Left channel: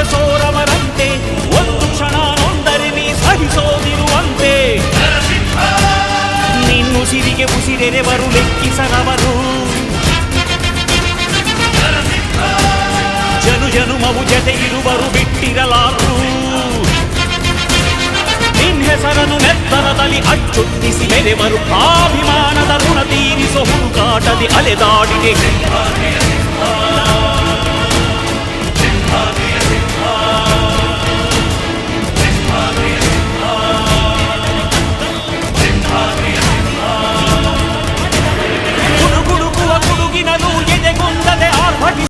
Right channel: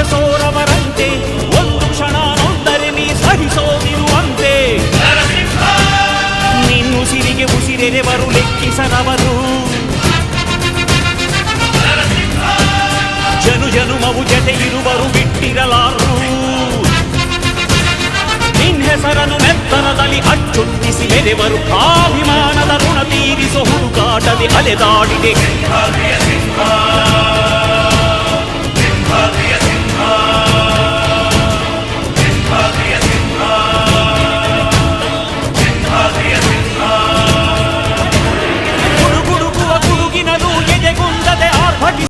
ಬಗೆಗೆ ಸೋರವರಂತೆ ಒಂದು ಕ್ಷಣ ನೊಂದರೆ ನೀ ಸಹಿಸೋದಿರುವಂತೆ ನಿನ್ನುಸಿರಿಗೆ ಉಸಿರೆರೆವರು ಲೆಕ್ಕಿಸರವರು ಜನು ಜನುಮವು ಜತೆ ಇರುವರು ಬಿಟ್ಟಿರಲಾರು ನಿನ್ ಹೆಸರನ್ನು ನೆತ್ತರದಲ್ಲಿ ಅಚ್ಚೊತ್ತಿಸಿ ಮೆರೆವರು ಅಭಿಮಾನದ ಋಣ ತೀರಿಸೋ ಹುಡುಕಾಟದೆ ಅಲೆದಾಡಿದೆ